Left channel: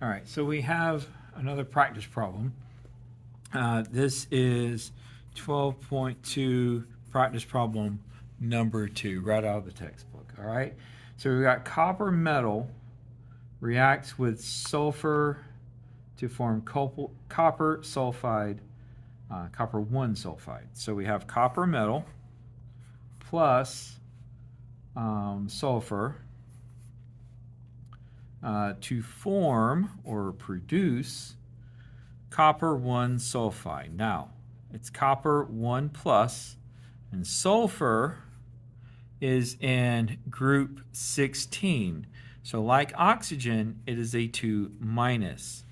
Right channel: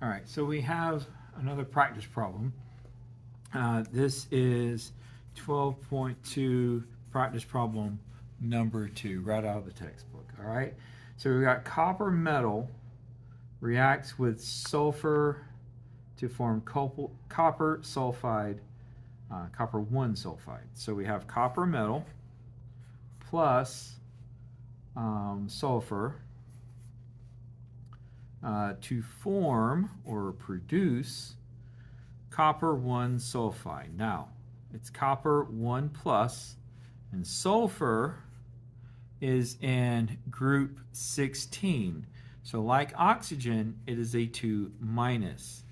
All right, so we have another practice problem. This is 12.2 practice problem number 2, right out of the textbook. All right, so we got copper metal reacts with sulfur to form copper sulfide, copper 1 sulfide. So we have copper metal plus sulfur to form or produce copper 1 sulfide. Now, it's copper 1 plus, and sulfur is in group 16. So like oxygen, it is a 2 minus.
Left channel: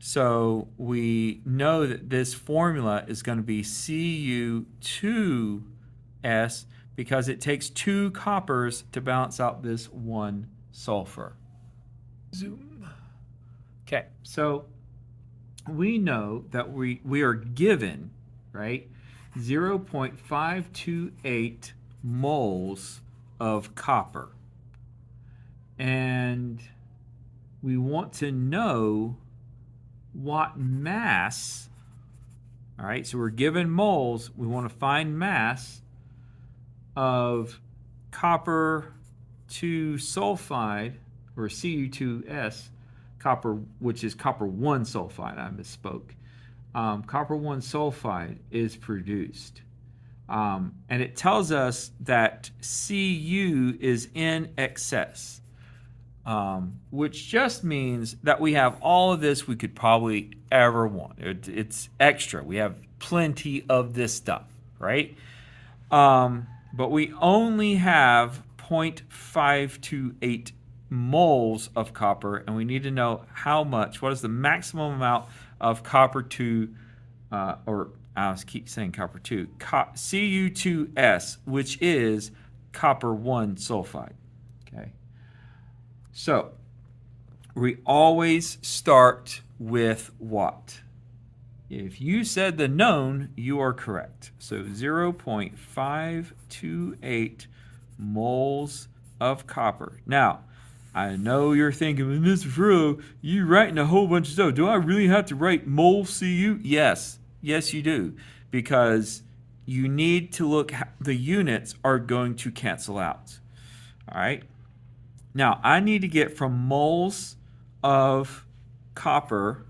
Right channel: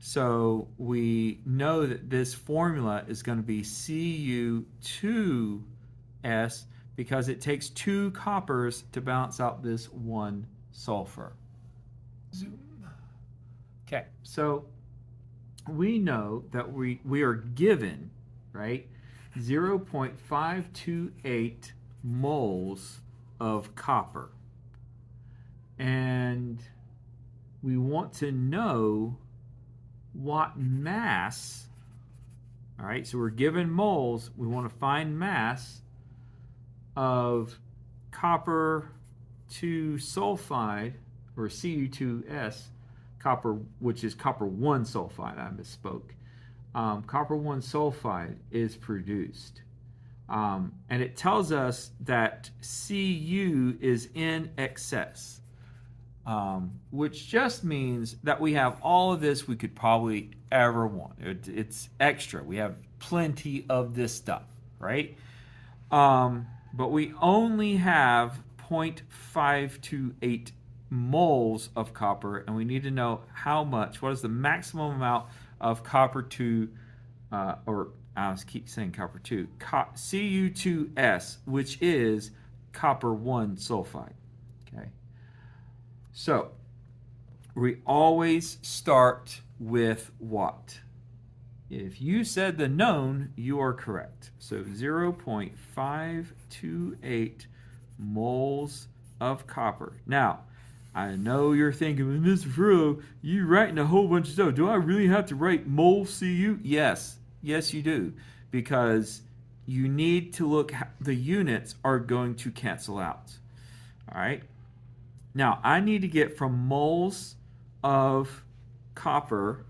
So we know that this formula is going to be Cu2S because it takes 2 coppers to balance out this 1 sulfur. Zoom. Okay, so we know that we are given, right, 0.528 moles of copper. And we want to know what mass, all right, so we're given moles, we want to find mass of copper 2 sulfide, or Cu2S, copper, which is copper 1 sulfide, I misspoke. Copper 1 sulfide is produced. And it tells us that Cu is in excess, which just means that we have all of this we could probably ever want. It's extra. We have plenty of this stuff, right? But we only have 0.528 moles of copper, and we need to know how much, what is the maximum amount of copper 2, or I keep saying copper 2, Cu2S, which is copper 1 sulfide. Okay. So we always start with what? If you said the known, you are correct. So 0.528 moles of copper. Now, I know you're thinking, Mr. Furlow, you're writing a whole bunch of stuff. Do I really have to write mole Cu? Yes. Yes, you do. Because you need to look, the units are going to cancel out. All right? Now, I need to get from moles of copper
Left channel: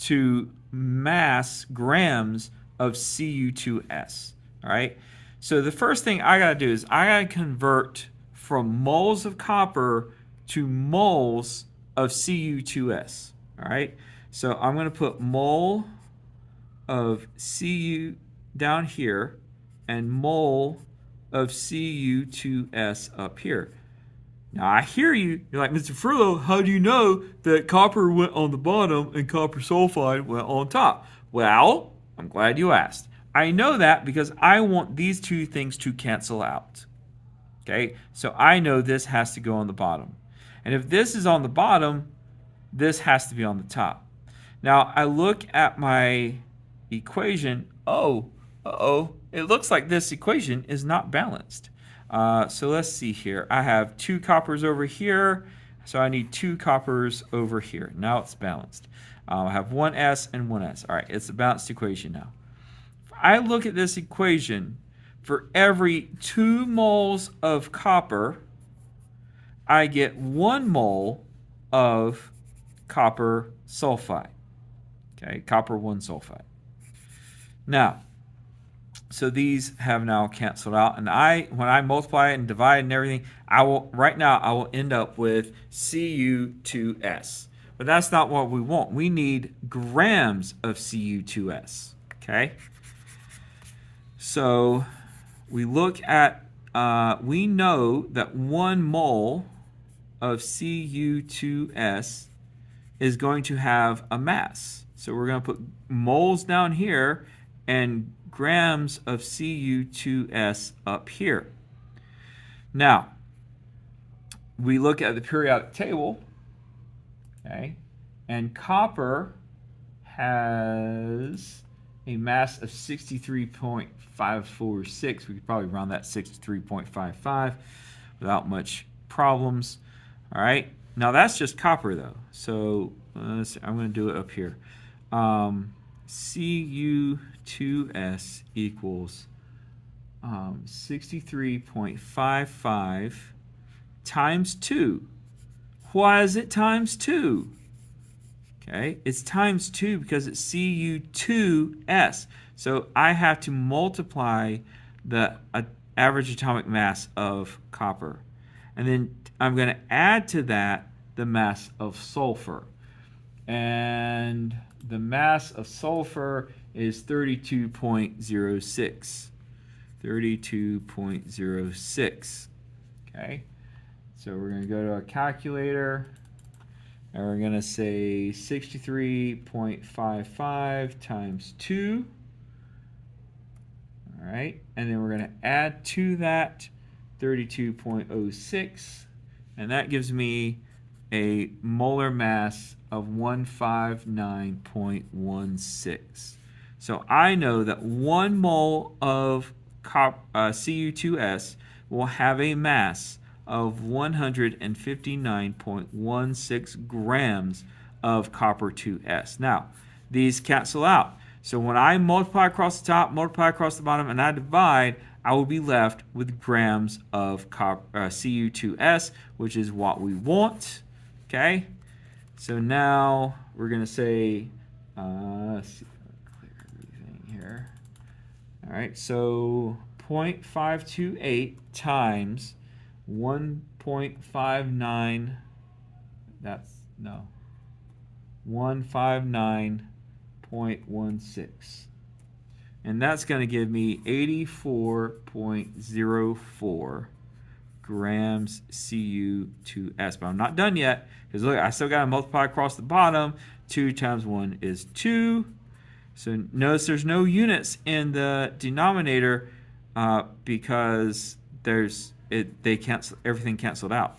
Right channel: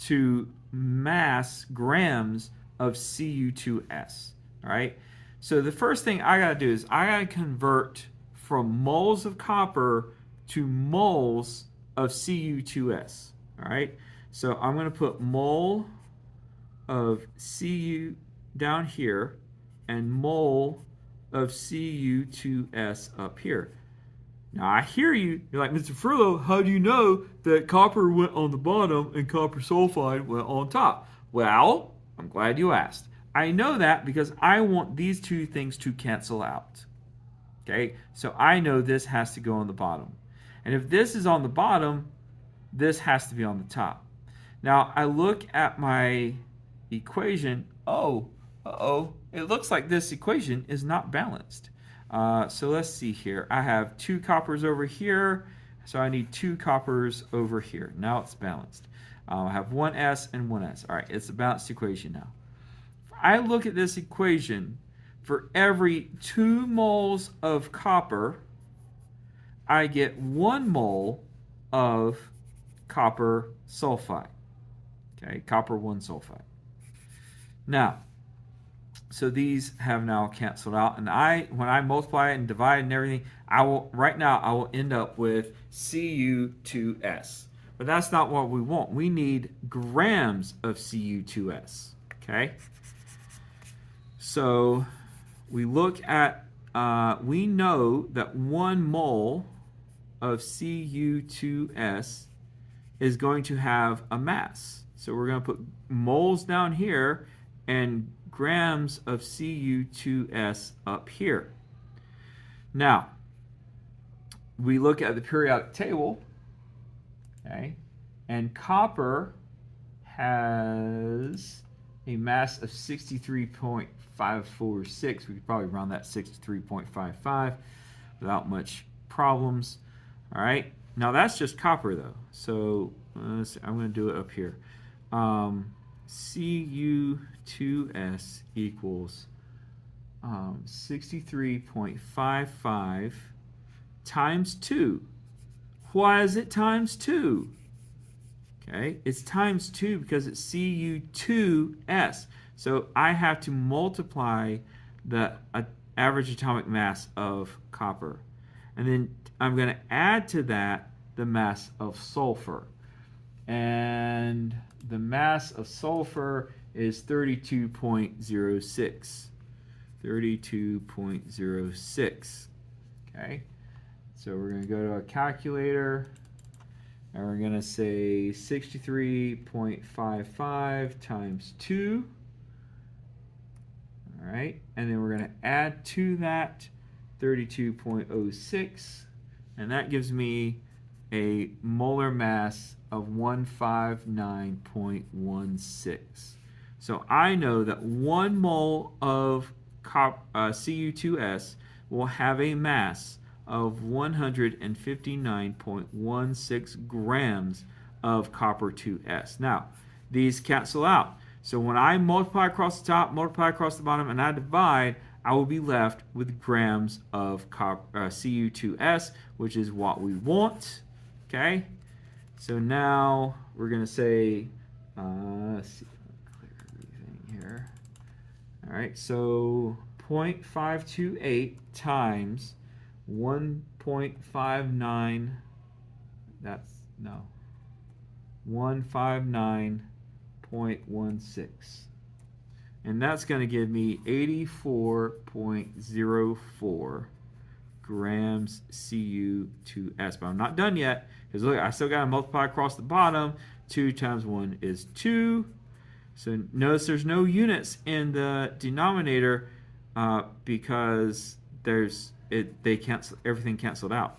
to mass grams of Cu2S. All right? So the first thing I got to do is I got to convert from moles of copper to moles of Cu2S. All right? So I'm going to put mole of Cu down here and mole of Cu2S up here. Now I hear you. You're like, Mr. Furlow, how do you know that copper went on the bottom and copper sulfide went on top? Well, I'm glad you asked. I know that because I want these two things to cancel out. Okay, so I know this has to go on the bottom. And if this is on the bottom, this has to be on the top. Now I look at my equation. It looks like this equation is not balanced. So let's see here. I have 2 coppers over here, so I need 2 coppers over here. Now it's balanced. I have 1 S and 1 S. All right, it's a balanced equation now. If I look at this equation, for every 2 moles of copper, I get 1 mole of copper sulfide. Okay, copper 1 sulfide. Now, so these have now canceled out, and when I multiply and divide and everything, I will end up with Cu2S. But that's not what we want. We need grams of Cu2S. Okay? So we look at, we know that 1 mole of Cu2S is going to have a mass. So we're going to put moles down here and grams of Cu2S up here. Now, we look at the periodic table, okay, and copper has a mass of 63.546. We could probably round that 63.55 without much problems. All right, Now that's just copper though. So I'm going to do it up here. Cu2S equals 63.55 times 2. Why is it times 2? Okay, it's times 2 because it's Cu2S. So I have to multiply the average atomic mass of copper. And then I'm going to add to that the mass of sulfur. And the mass of sulfur is 32.06. 32.06. Okay, so we're going to go to a calculator. And we're going to say 63.55 times 2. All right, and then we're going to add to that 32.06, and that gives me a molar mass of 159.16. So I know that 1 mole of Cu2S will have a mass of 159.16 grams of copper 2S. Now, these cancel out. So when I multiply across the top, multiply across the bottom, and I divide, I will be left with grams of Cu2S, which is what we want. Okay? So now we're going to say, let's see everything here. All right, so 0.528 times 1.59, that's, no, 159.16. And that's going to give me 84.04 grams Cu2S. But I'm not done yet, because look, I still got to multiply across the bottom. 2 times 1 is 2. So notice there's no units in the denominator because they cancel, everything canceled out.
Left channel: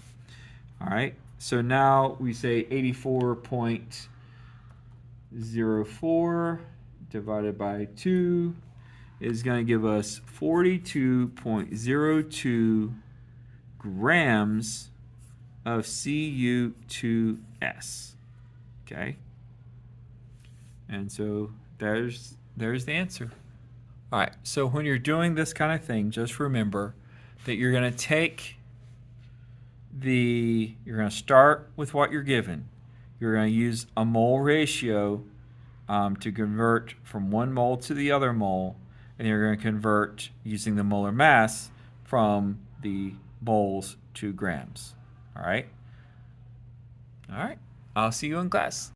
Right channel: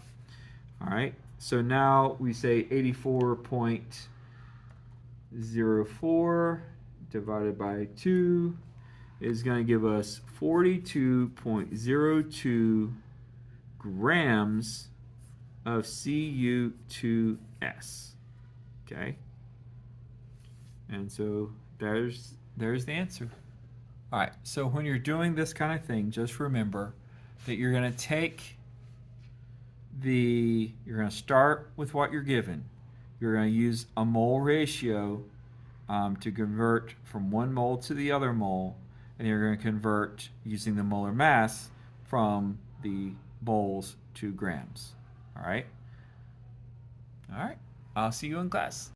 All right, so now we say 84.04 divided by 2 is going to give us 42.02 grams of Cu2S. Okay, and so there's the answer. All right, so when you're doing this kind of thing, just remember that you're going to start with what you're given. You're going to use a mole ratio to convert from 1 mole to the other mole, and you're going to convert using the molar mass from the moles to grams. All right? All right, I'll see you in class.